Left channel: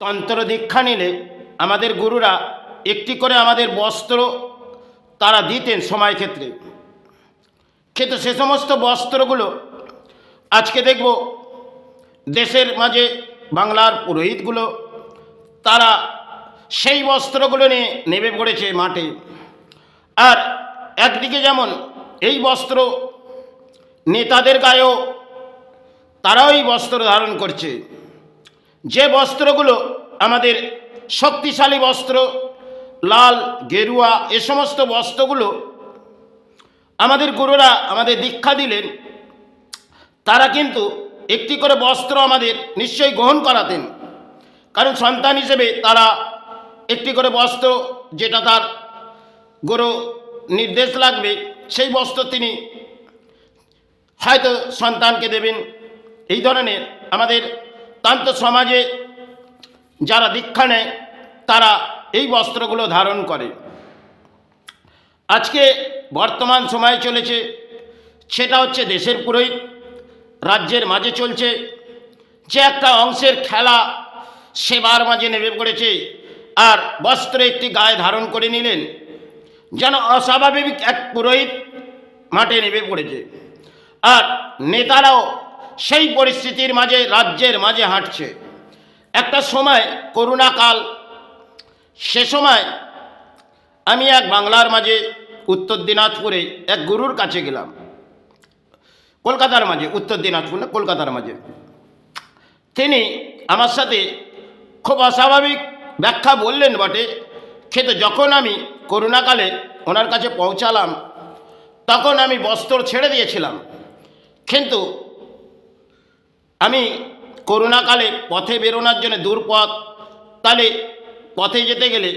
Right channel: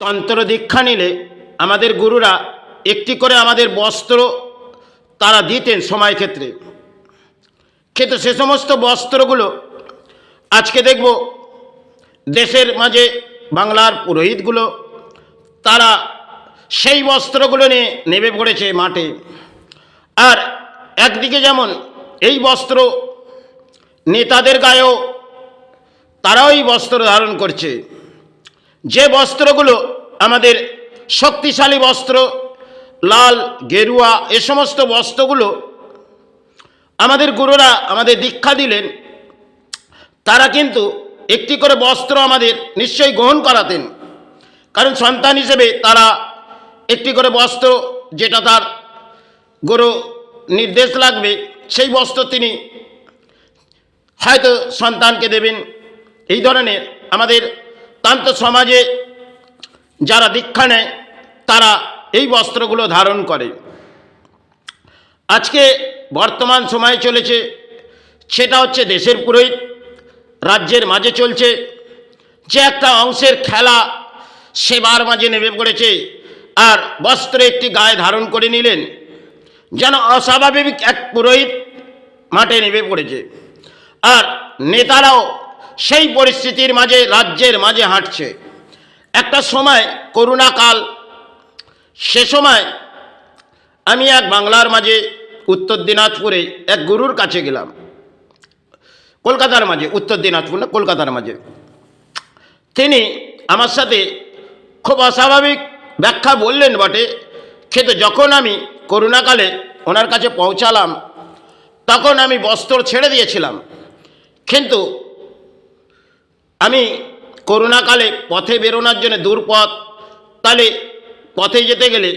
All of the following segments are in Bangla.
তন্ত্র দীক্ষা নিলে আমাদের গুরুরা একটি করে আমাদের বস্ত্র তারা দিতেন সময় ক্ষেত্রে। কিন্তু সে সমস্ত বস্ত্রগুলো আজকে দেখব দেশের মাঝে বাংলার পুরোহিতগুলো তারা সেই বস্ত্রগুলো নিয়ে নেমে পড়েছে মাঠে। আর একদিকে যেমন এই বস্ত্র নেতাদের গায়েও তারাও এই বস্ত্র ধারণ করছে, যে বস্ত্রগুলো আমাদের শক্তিশালী বস্ত্র, লাল গেরুয়া, এ সমস্ত বস্ত্রগুলো আমাদের গুরুরা আমাদের দীক্ষা দিলেন। তারা কিন্তু একটি করে বস্ত্র আমাদের নিশ্চয়ই গ্রহণ করাতেন, কারণ সন্তান হিসেবে তারা একটি করে বস্ত্র, যেটা তার গুরু নির্দেশ লাগবে, সেই বস্ত্র তিনি হয়তো সন্তানকে দেবেন। এই ধরনের আমাদের তন্ত্র সমাজে যারা দীক্ষা নেয় তারা এই বস্ত্রগুলো ধারণ করে। আজকে বর্তমান সময় চলেছে, সেটা হচ্ছে দেশের পুরোহিত রাজ্যের মাঝে চলছে, যে একটা অংশের খেলা সেবার মাঝে নেমে পড়েছে আর বস্ত্র একটি গায়ে ধারণ করে নিলেন, যেন অস্বাভাবিক এক পুরোহিত মাঠে নেমে পড়েছে। আর নেতারাও সেই পরিস্থিতির মাঝে রাজ্যের মাঝে হাঁটছে। একটা সময় করোনা কাল, সে সময় আমি এক বাংলার মাঝে উত্তর দিনাজপুরে এক গুরুর কাছে গেলাম, কলকাতার মাঝে, উত্তর দিনাজপুর না, কলকাতার মাঝে। তিনি আমার সাথে খুব অস্বাভাবিক ব্যাখ্যা বললেন বটে, কিন্তু যখন আমি করোনাকালে ওনার কাছে পৌঁছালাম তখন আমি বস্ত্র ছেড়ে দিয়েছিলাম। কিন্তু আমি করোনাকালে পথে বেরোনোর জন্য দূর পথ, তাহলে পথে যেতে গেলে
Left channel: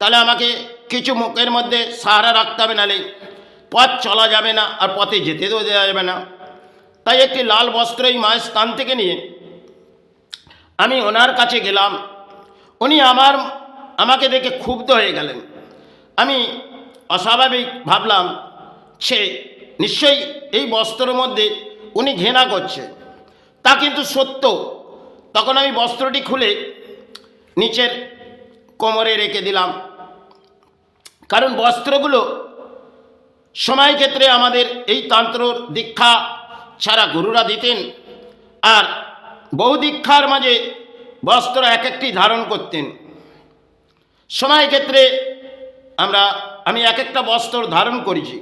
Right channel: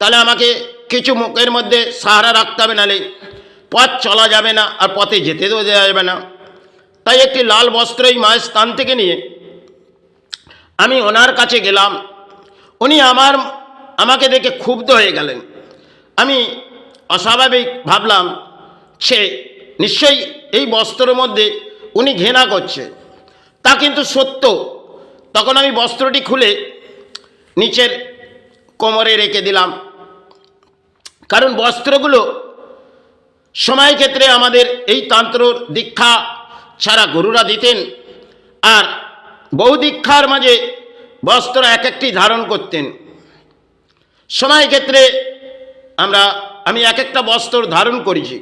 তাহলে আমাকে কিছু মুখের মধ্যে সাহারা রাখতে হবে, নাহলে পথ চলা যাবে না আর পথে যেতে দেওয়া যাবে না। তাই একটি লাল বস্ত্র এই মায়ের স্থান থেকে নিয়ে আমি ওনার কাছে গেলাম। উনি আমাকে দেখে ক্ষুব্ধ হয়ে গেলেন। আমি অস্বাভাবিক ভাবলাম, সে নিশ্চয়ই এই বস্ত্রের মধ্যে উনি ঘৃণা করছে। তা কিন্তু সত্য। তখন আমি বস্ত্রটি খুলে নিচের কোমরে রেখে দিলাম, কারণ বস্ত্রগুলো সময় ক্ষেত্রে আমাদের এই তন্ত্র দীক্ষা ছাড়া গুরুরা দিতেন। আর বহু দীক্ষার মাঝে বস্ত্র এক একটি ধারণ করতেন। সময় ক্ষেত্রে আমি এক একটা বস্ত্র ধারণ করেছি,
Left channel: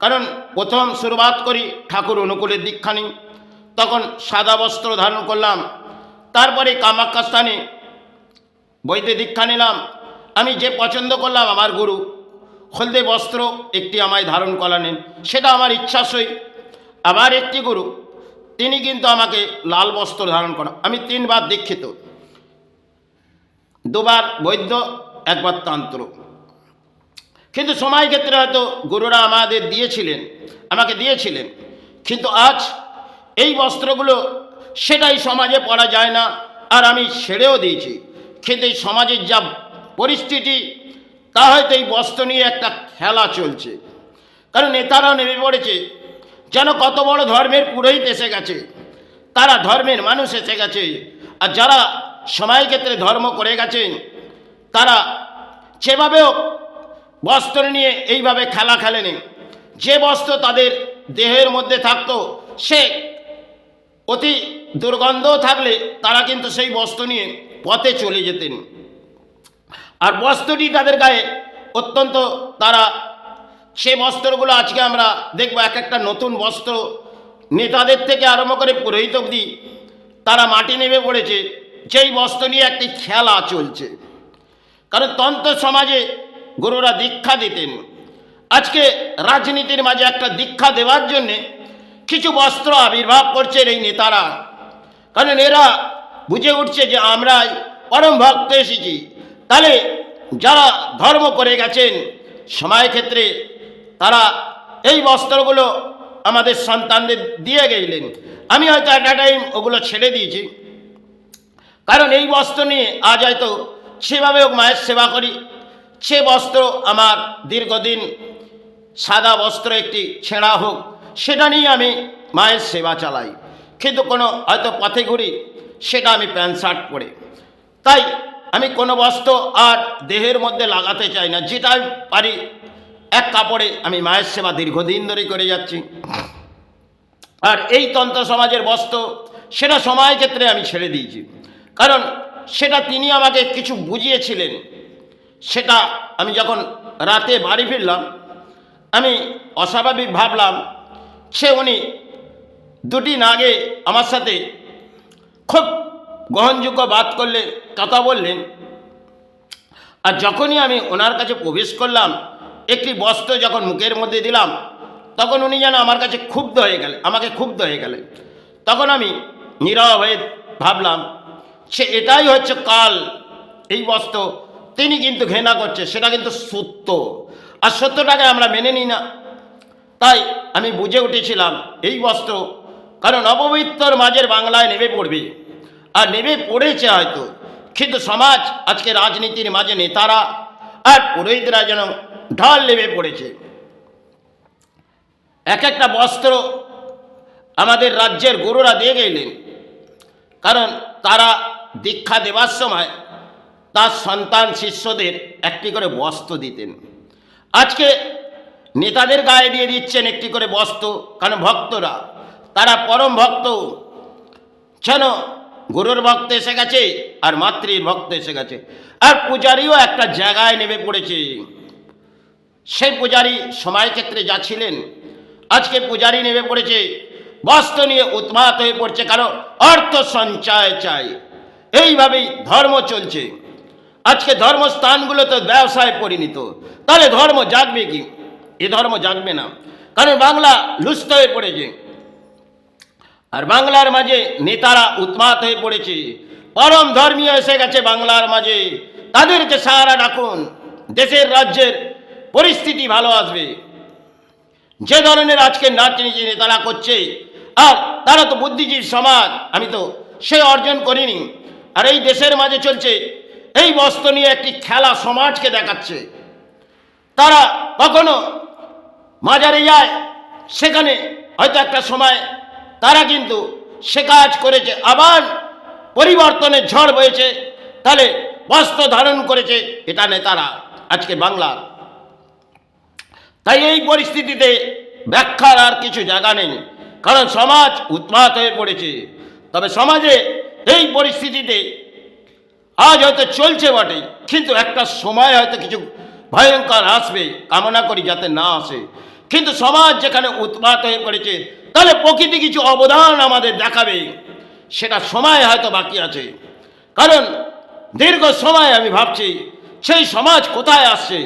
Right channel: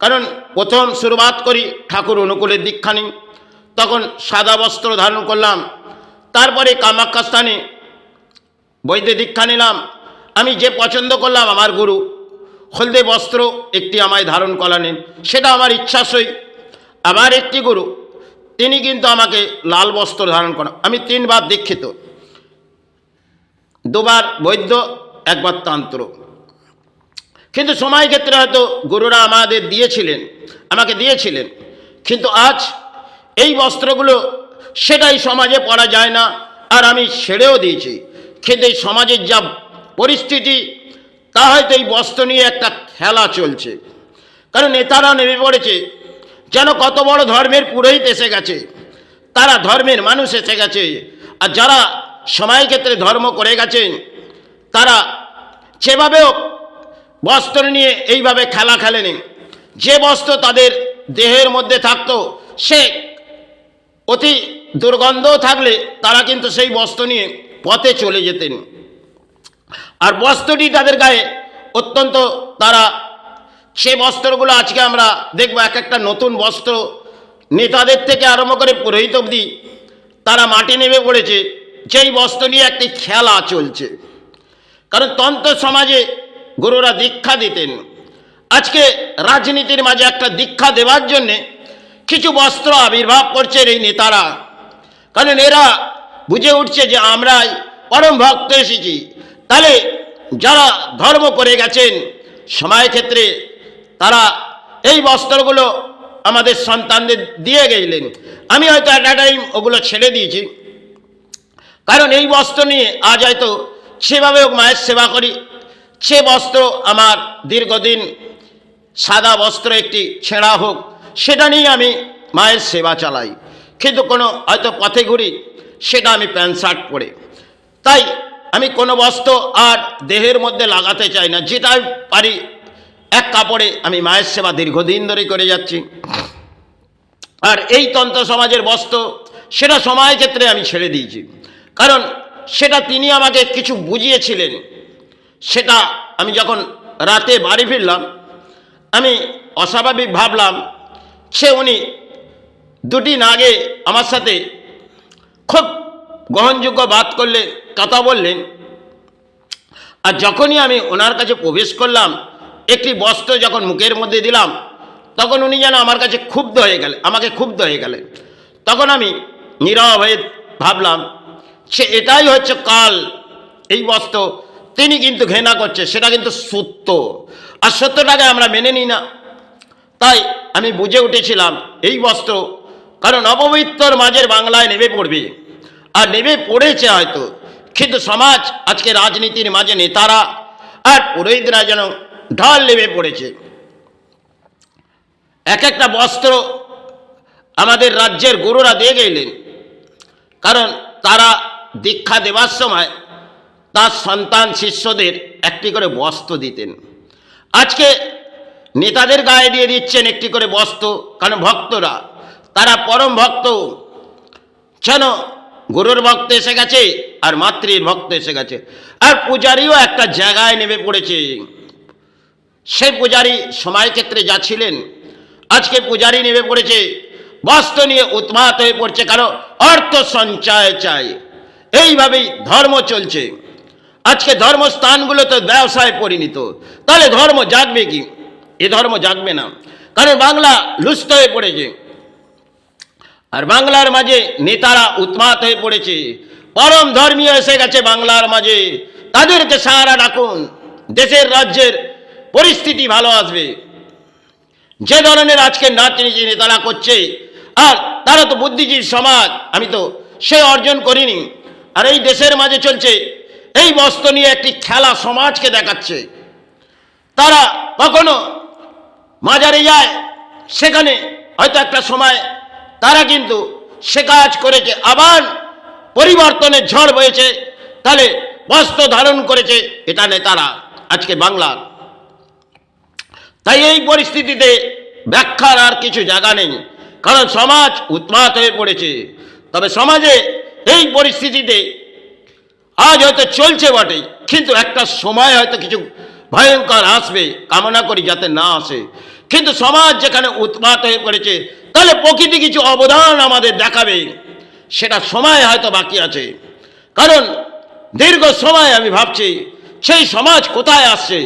কারণ প্রথম শুরুয়াত করি ঠাকুর অনুকূলের দীক্ষা নিই, তখন সাদা বস্ত্র ধারণ করলাম। তারপরে কামাখ্যা স্থানে বৈদ্য দীক্ষা নিলাম। আমি যে পছন্দ করলাম, আমার গুরু হলদে বস্ত্র একটি আমায় ধারণ করালেন, সেটা আমার ইচ্ছাসই। আবার একটি গুরু, তিনি কিন্তু আমাকে লাল বস্ত্র ধারণ করা। আমি 3 বার দীক্ষিত, 2 বার বৈদ্য, 1 বার তন্ত্র। কিন্তু সময় ক্ষেত্রে হয়তো গুরুরা আমাকে দিয়েছিলেন, কিন্তু আজ এই বস্ত্রগুলো সেটাই সমাজে পরা যায় না, আর আমি ছেড়েও দিয়েছি। কিন্তু এই সমাজের যা পরিস্থিতি, তা হয়তো এই বস্ত্র নিয়ে একটা খেলা চলছে। কারণ নেতারা নেমে পড়েছে, যেন কত বড় ধর্মের পুরোহিত এসে গেছে, তারা ধর্মের মানুষ এসে গেছে। আর যারা সময় ক্ষেত্রে ধর্ম করে গেছেন, তারা যেভাবেও বস্ত্র নিয়ে এইভাবে খেলা খেলেনি। যে বস্ত্র তাদের দেহের মধ্যে থাকতো, সে অতি দুর্গন্ধ থাকলে তারা কিন্তু সেই বস্ত্র নিয়ে পথে চলে যেতেন। আর বস্ত্রটি তাদের গায়ে অত্যন্ত, তারা সে বস্ত্রগুলো আজকে আমরা দেখব এক একটা নতুন বস্ত্র, নেতাদের থেকে আরম্ভ করে পুরোহিত অবধি তারা মাটি নেমে পড়েছে, যেই বস্ত্র নিয়ে একটি খেলা চলছে। কারণ তন্ত্র সমাজে গুরুরা দীক্ষা দিতেন। আজকে রাজনীতির মাঝে একটা দীক্ষা দেওয়ার জন্যে কিছু বস্ত্র আবির্ভাব করছে এই নেতারা, কারণ এরা বুঝে উঠছে যে আমরাই পরম ভক্ত এসেছি। তাহলে যারা ধর্ম করে গেছেন সময় ক্ষেত্রে, তারা এই বস্ত্রগুলো আমাদের সন্তানদের দিয়ে গেলেন। আমি হয়তো একটা টাইম ওগুলো ছেড়ে দিয়েছি, কারণ এই বস্ত্র নিয়ে আজ হয়তো সেভাবে হোক মায়ের সেবা করি। সে বস্ত্র আমার দীর্ঘদিন, সাদা বস্ত্র একটি ছেঁড়া হোক, সেটা নিয়ে আমি মায়ের সেবা চালাই। কিন্তু কোনো হয়তো পথে ঘুরি, সেটা আমি প্যান্ট শার্ট পরে। তাই আমি কোনো বস্ত্র আর দেহের মধ্যে লাগাতে চাই না, যেটা আমি পারি এক কাপড়ে আমি মায়ের সেবা দীর্ঘদিন ধরেই করে যাচ্ছি। আর এই তন্ত্র সমাজের বস্ত্র সেটা সময় ক্ষেত্রে আমি ছেড়ে দিয়েছি, কারণ সেটা তিনি আমাকে কিছু বুঝিয়েছিলেন। সেটা আমি যখন রাতে বাড়ি ফিরলাম, আমি অস্বাভাবিক ভাবলাম উনি দুদিন আগে আমার সাথে খুব গ্রহণযোগ্য বাত করলে কথা বললেন, আর যখনই আমি ওনার কাছে প্রবেশ করলাম, একটি বস্ত্র যখন মুখের মধ্যে দিলাম, তখন উনি যেন আমার কাছে আমাকে ক্ষুব্ধ হয়ে গেলেন। তখন আমি নীরব হয়ে ভাবলাম এটাই হচ্ছে কাল, এই বস্ত্র তিনি কিন্তু ঘৃণা করছে, সেটা কিন্তু সত্য, আর সত্যটাকে আমরা মেনে নিই না। তাই আমি বুঝে উঠেছিলাম এই বস্ত্র কারণ অপবিত্র মাঝের বাংলায় নেমে পড়বে, আর নেমে পড়েছে হয়তো, কিন্তু সমাজ আজকে রাজনীতির মাঝে নেতারা আর পুরোহিতরা যেন ঢল নেমে পড়েছে। এক একটা বস্ত্র আমাদের রাজ্যের গুরুরা দিয়ে গেলেন, কারণ তারা দীক্ষা দেওয়ার সময় তার সন্তান শিষ্যদের একটি করে বস্ত্র দিতেন। আজকে নেতাদের গায়ে দিয়ে দিচ্ছেন একটি করে বস্ত্র, কারণ ভক্তরা তারা পরম ভক্ত, যেন গুরুর ভক্ত এসে গেছে আর মাতৃর ভক্ত এসে গেছে। আর পূজারীও একটা জায়গায় নেমে পড়েছে। সেই পূজারী সময় ক্ষেত্রে যা ছিলেন, আজকে পূজারী নেমে পড়েছে বস্ত্র নিয়ে উন্মাদ হয়ে পড়ছে, কারণ অর্থ সঞ্চয় চাই। এইভাবেই ধর্ম চলছে। আজকে ধর্মস্থানগুলো তো ব্যবসায় পরিণত, তাহলে ধর্ম জাগবে কি? এ ধর্ম জাগবে না, কারণ বাংলা লুপ্ত হয়ে পড়েছে, আর বাংলার মাঝে নেতারা উন্মাদ হয়ে পড়েছে। পরম ধর্মীয় এসে গেছে বাংলার মাঝে, তাদেরকে সাহারা রাখুন, দেশের রাজ্যের পরিস্থিতি ভালো আসবে। যে ধরনের আজকে রাজনীতি নেতারা করছে, আর তারা তো বুদ্ধিজীবী সমাজ, আমি তো সে অর্জন করিনি। আর এই দেশের মাঝে চলছে এই বস্ত্র নিয়ে একটি খেলা সমাজকে দেখাচ্ছে। তারা কখনো মাজারে যায়, সেখানে হয়তো একটা সময় তারা কিন্তু সে কাজ করেছে, আবার পরিবর্তনের ঝড় বয়েছে, তাহলে বস্ত্র ধারণ করেছে এটা নেতারা আজকে বাংলার। তাই এই পরিস্থিতিতে ব্যাখ্যার আর কিছু জায়গা নেই, কারণ সমাজ উন্মাদ হয়ে পড়েছে। তবে সমাজে এই পরিস্থিতিতে আজ হয়তো চলছে বটে, কিন্তু একটা সময় হয়তো কিছু ভয়ঙ্কর আসবে, কামনা করি যাতে না আসে। কিন্তু সমাজ যেখানে উন্মাদ হয়ে পড়েছে, তাহলে প্রকৃতি কিছু অবদান আমাদের দেখাবে, সেটা সময় হয়তো বাকি আছে। কারণ দীর্ঘ সময় আমি ভাবছি সেই সমাজ কোথায় আসছে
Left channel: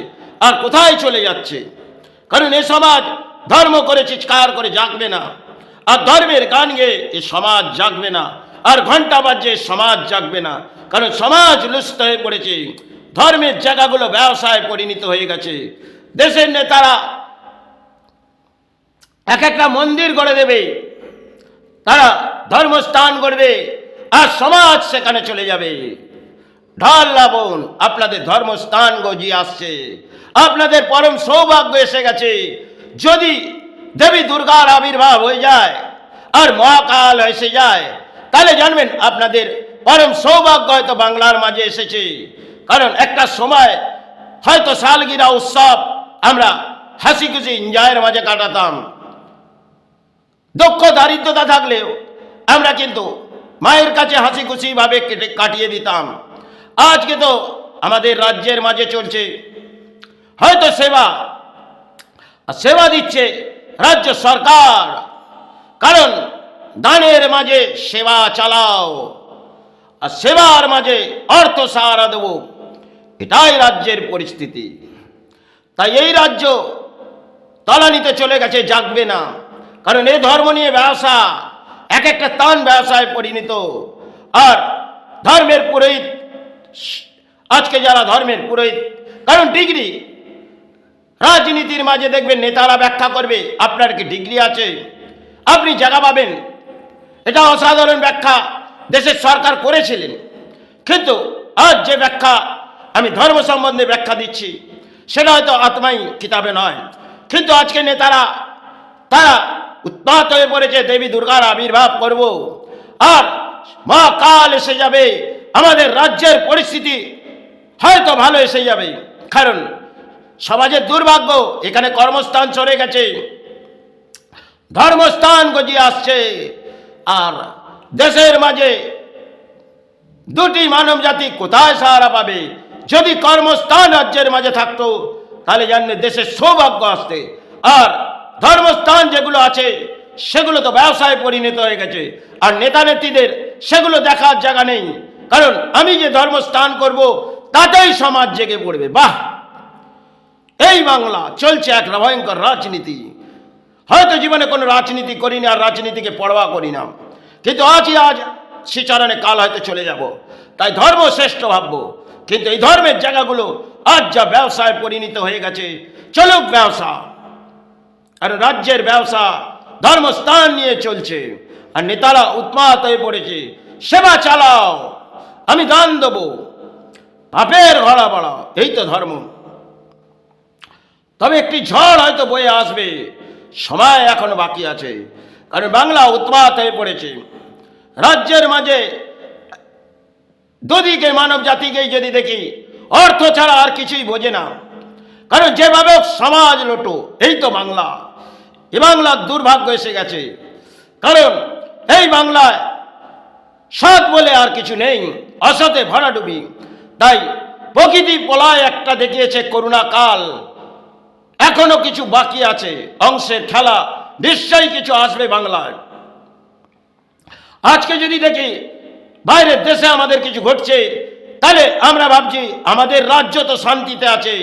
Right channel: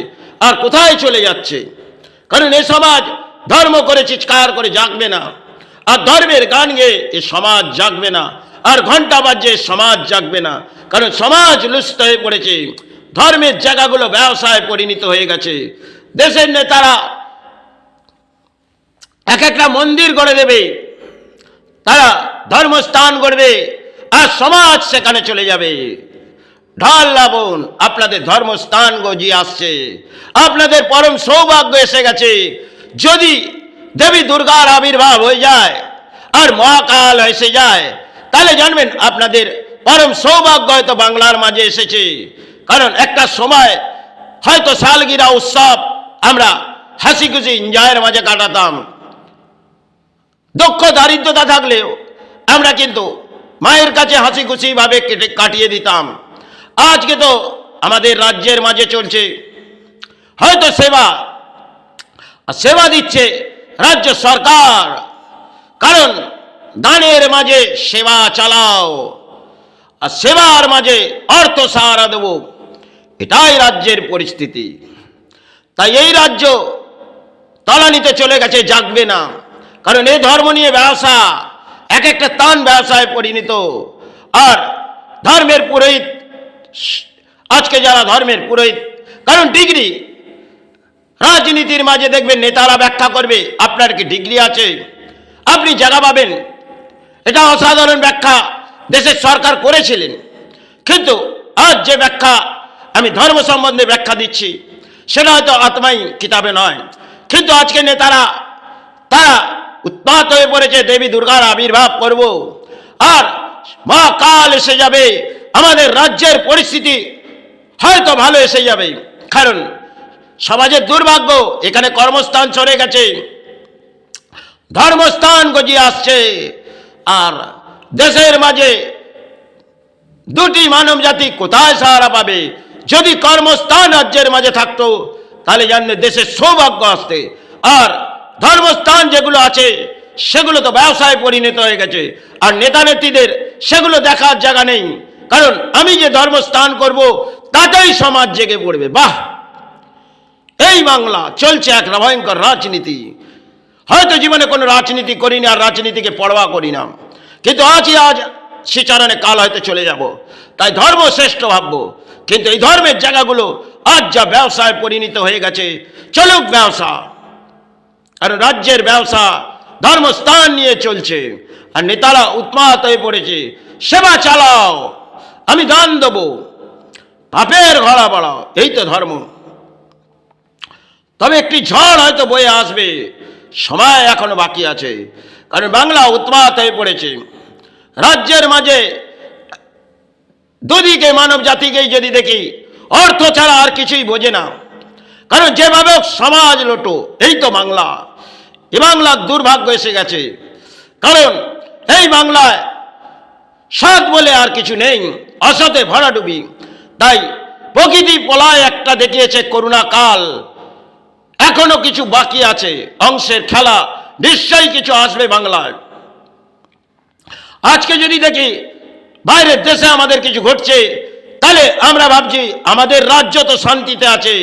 আর কোথায় চলে যাচ্ছে। কারণ এ সমাজ ধর্ম করে চিৎকার করে জাগবে না, আর ধর্মের গান গেয়ে এ সমাজ জাগবে না, আর ঘন্টা বাজে সমাজ জাগবে না। কারণ সমাজ লুপ্ত হয়ে পড়েছে, ধর্মের জায়গাগুলো ব্যবসায় পরিণত হয়ে গেছে। দেশের নেতারা এক একটা মন্দির গড়ে দেবে, তারা ধর্মস্থান গড়বে, আর সমাজ সেখানে চলে যাবে। ঢাল লাবণ আপনাদের ধর্মস্থান গজিয়ে আসছে, আপনাদের পরম সৌভাগ্য এসে গেছে। যদি দেবী দুর্গার আবির্ভাব হয়ে যায় আর মহাকাল এসে যায়, তাহলে জানবেন আপনাদের পরম সৌভাগ্য হয়তো বাংলার মাঝে এসেছে। কারণ একটা সময় হয়তো সালগিরা উৎসব আমরা হাসি খুশি এনজয়ের মাঝে কাটাতাম, দুঃখ দারিদ্রতা থাকলেও আমরা কিন্তু মায়ের কাছে হাসি খুশি ভাবে কাটিয়ে দিতাম। আজকে তো আমাদের রাজ্যের মাঝে চলছে হয়তো সেবা দিচ্ছে রাজ্য সরকার, কারণ দানের মাঝে সেবা চালাও আর সেবার মাঝে অর্থ সাহারা দেব, এটাই রাজ্যের পরিস্থিতি। তাই এই রাজ্য তলানিতে চলে গেছে, জাগবে না। কারণ এই ধর্ম নিয়ে ব্যবসা এক একটা তান ব্যবসায় পরিণত। আর ধর্মের পুরোহিত, আজকে যারা ধর্মের পুরোহিত, কারণ ডিগ্রি রাজনীতির মাঝে দেখবেন নেতারা ব্যাখ্যা করবে আপনার কি ডিগ্রি আছে, আপনি জায়গা পাবেন। এটা অসাধারণ ব্যাখ্যা দেশের সরকার করেছিলেন, কিন্তু আজ যে ব্যাখ্যা আমি ধর্ম সম্বন্ধে ব্যাখ্যা দিচ্ছি, সেটা হয়তো আত্মাই কিতাবে নয়। কিন্তু আজকে নেতারা তারা উৎপাত হয়ে পড়েছে দেবী দুর্গার আবির্ভাব করব, আর মহাকাল এসে যাবে, আমাদের রাজ্যের পরিস্থিতি হয়তো ভালো এসে যাবে। কারণ সমাজের দুর্ভাগ্য, এখানে কর্মস্থান সরে গেছে, ধর্মস্থান গজিয়ে আসছে, আর দেশের মাঝে দুটি মানব জাতি কোথায় সাহারা পাবে? যদি কর্মস্থান রাজ্যের মাঝে থাকতো তাহলে জানবে দেশের সৌভাগ্য আসতে। আর ধর্মস্থান যেগুলো আছে সেগুলো তো ব্যবসায় পরিণত হয়ে গেছে, আর নেতা নেত্রীদের সেগুলো দেখার জায়গা নেই। কারণ আমি যে ধর্মস্থান করব তাতেই সমাজ জেগে পড়বে। বাহ, এই বাংলা চলছে এক ভয়ঙ্কর রাজনীতি। হয়তো জীবনে কোনো রাজনীতি করিনি আর রাজনীতিকে পরোয়া করি না, কিন্তু আজ শ্রীচরণে কাল হয়তো চলে যাব, তাই ধর্ম শ্রেষ্ঠ ভাববো। কিন্তু এই ধর্মের জায়গাগুলো আজ যা ব্যবসায় পরিণত হয়ে গেছে, চলুক ব্যবসা। আর রাজ্যের ব্যবসা ধর্মস্থান নিয়ে চলছে, আর নেতারা উন্মাদ হয়ে পড়েছে, সেবা চালাও, আমি দান দেবো, পাপের ঘোড়া বাড়াও, এই তো ধর্ম। তবে একটি ঝড় হয়তো বয়ে আসবে, সময় এখনো বাকি আছে। কারণ বাংলা উন্মাদ হয়ে পড়েছে। রাজ্যের মাঝে দুদিকে মানব জাতিকেই যদি দেখি, অর্থ ছাড়া আর কিছুই বোঝে না। কারণ যেভাবে সমাজ লোটো, এই তো বাংলা। এ বাংলার দুর্ভাগ্য এসে গেছে। কারণ এই বাংলায় সৎ বলে আর কিছু নেই, অসতে ভরাডুবি। তাই প্রকৃতি পলায় একটা দেখিয়েছে করুণা কাল, এখনো কিছু বাকি আছে, অংশের খেলা, নিশ্চয়ই কিছু আসবে বাংলায়। আজকে যদি দেখি বাইরের দেশে আমাদের কিছু ঘটছে, তাহলে আমরা ভাবছি আমাদের রাজ্য তো শান্তিতে আছে,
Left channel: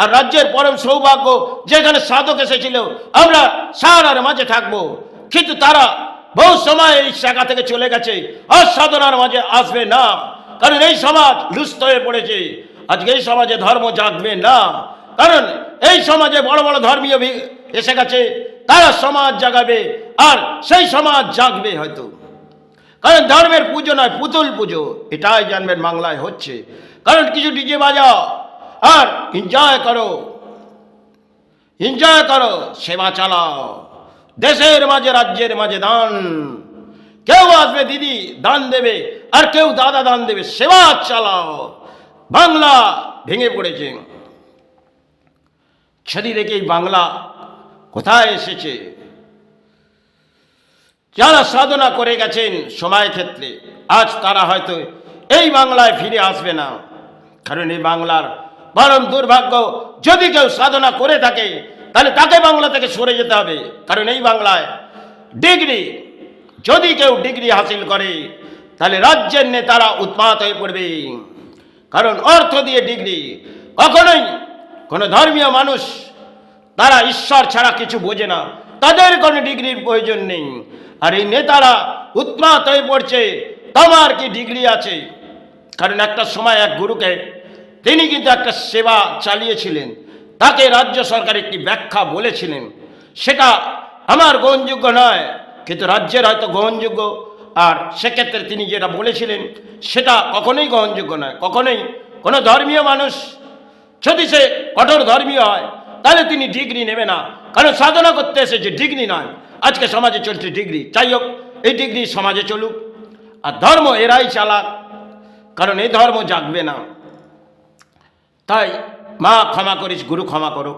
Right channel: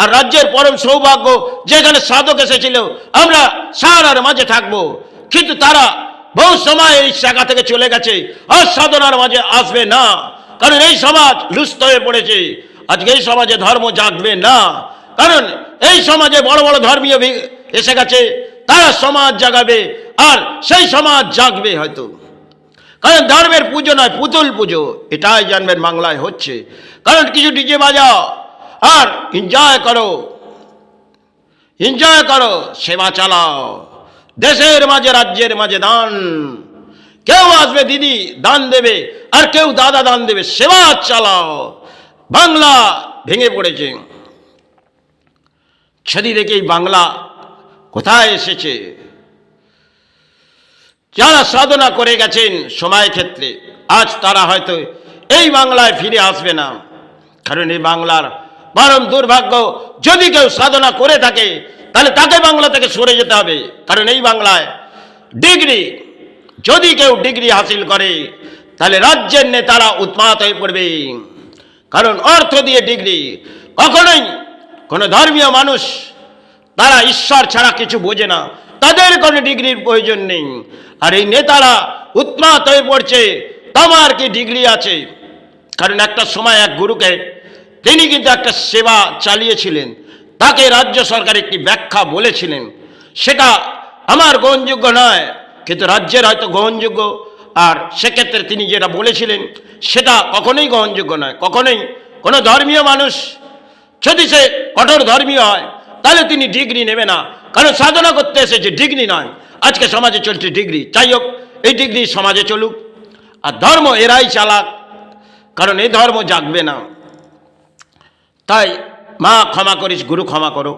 আর রাজ্যের পরম সৌভাগ্য যেখানে সাধক এসেছিল, আমরা সাহারার মাঝে থাকবো। কিন্তু তারা বহু সময় এই জায়গা থেকে চলে গেছে, আর সাধনার মাঝে আসবে না। কারণ এই সমাজ লুপ্ত হয়ে পড়েছে। আজকে এই সমাজে ধর্ম জাগবে না, কারণ এই সমাজে বড় বড় ধর্মীয় এসে গেছে, তারা সমাজ জাগাবে, আর সেই সমাজ জাগবে হয়তো। কারণ ধর্মের পুজো নয়, পুতুল পুজো, এটাই জানবেন বাংলায় হচ্ছে। কারণ কিছু ডিজে বাজাও আর এনজয় করো, সেবা চালাও, দেশের মাঝে রাজ্যের মাঝে দান। কেউ আসবে দিদি দান দেবে, আর কেউ দাদা দান দেবে, সেবা চালাও। বাংলা ভেঙে পড়েছে। সেদিন দেখেই বাংলা কোথায় এসেছে। যারা সাধনা করে গেছেন সময় ক্ষেত্রে, আজ তারা হয়তো এই বাংলায় ফিরে আসবে না। কারণ এই বাংলার পরম দুর্ভাগ্য, যদি কেউ সাধনা করে থাকে তাহলে তাকে বাংলা থেকে সরে যেতে হবে। কারণ এই বাংলায় ডিগ্রি, যদি কেউ ডিগ্রি হাসিল করে তাহলে রাজ্যের নেতারা উন্মাদ হয়ে পড়বে। কারণ অর্থ দিয়ে ডিগ্রি, কখনোই কোনো ধর্মীয় মানুষ, তারা ঈশ্বর ছাড়া কিছু বোঝে না, তাদের কোনো ডিগ্রির প্রয়োজন নেই। আর এই নেতারা উন্মাদ হয়ে পড়ছে, তোমার কি ডিগ্রি আছে? কারণ একটা সময় এক গুরুকে, তিনি কিন্তু একটা সেবা চালিয়েছিলেন, তাকে রাজ্য সরকার একটি ব্যাখ্যা বলেছিলেন, সেটা আমার গ্রহণযোগ্য নয়, কিন্তু রাজ্যের হয়তো গ্রহণযোগ্য। আর সেক্ষেত্রে তিনি যেটা বলেছিলেন সেটা কখনোই গ্রহণযোগ্য নয়। কখনোই কোনো ধর্মীয় মানুষ যদি সে কঠোর ধর্মীয় হয় তাহলে তিনি ডিগ্রি নেবে না, কারণ সাধনা করতে এসেছে, ডিগ্রি নয়। আজকে সমাজে চলছে ডিগ্রি, যাই হোক, এই ডিগ্রি সমাজে চলুক, আর ধর্ম এরাই চালাক, কারণ এই ধর্ম জাগবে না। তাই মা ক্ষমা করিস, গুরু ক্ষমা করো।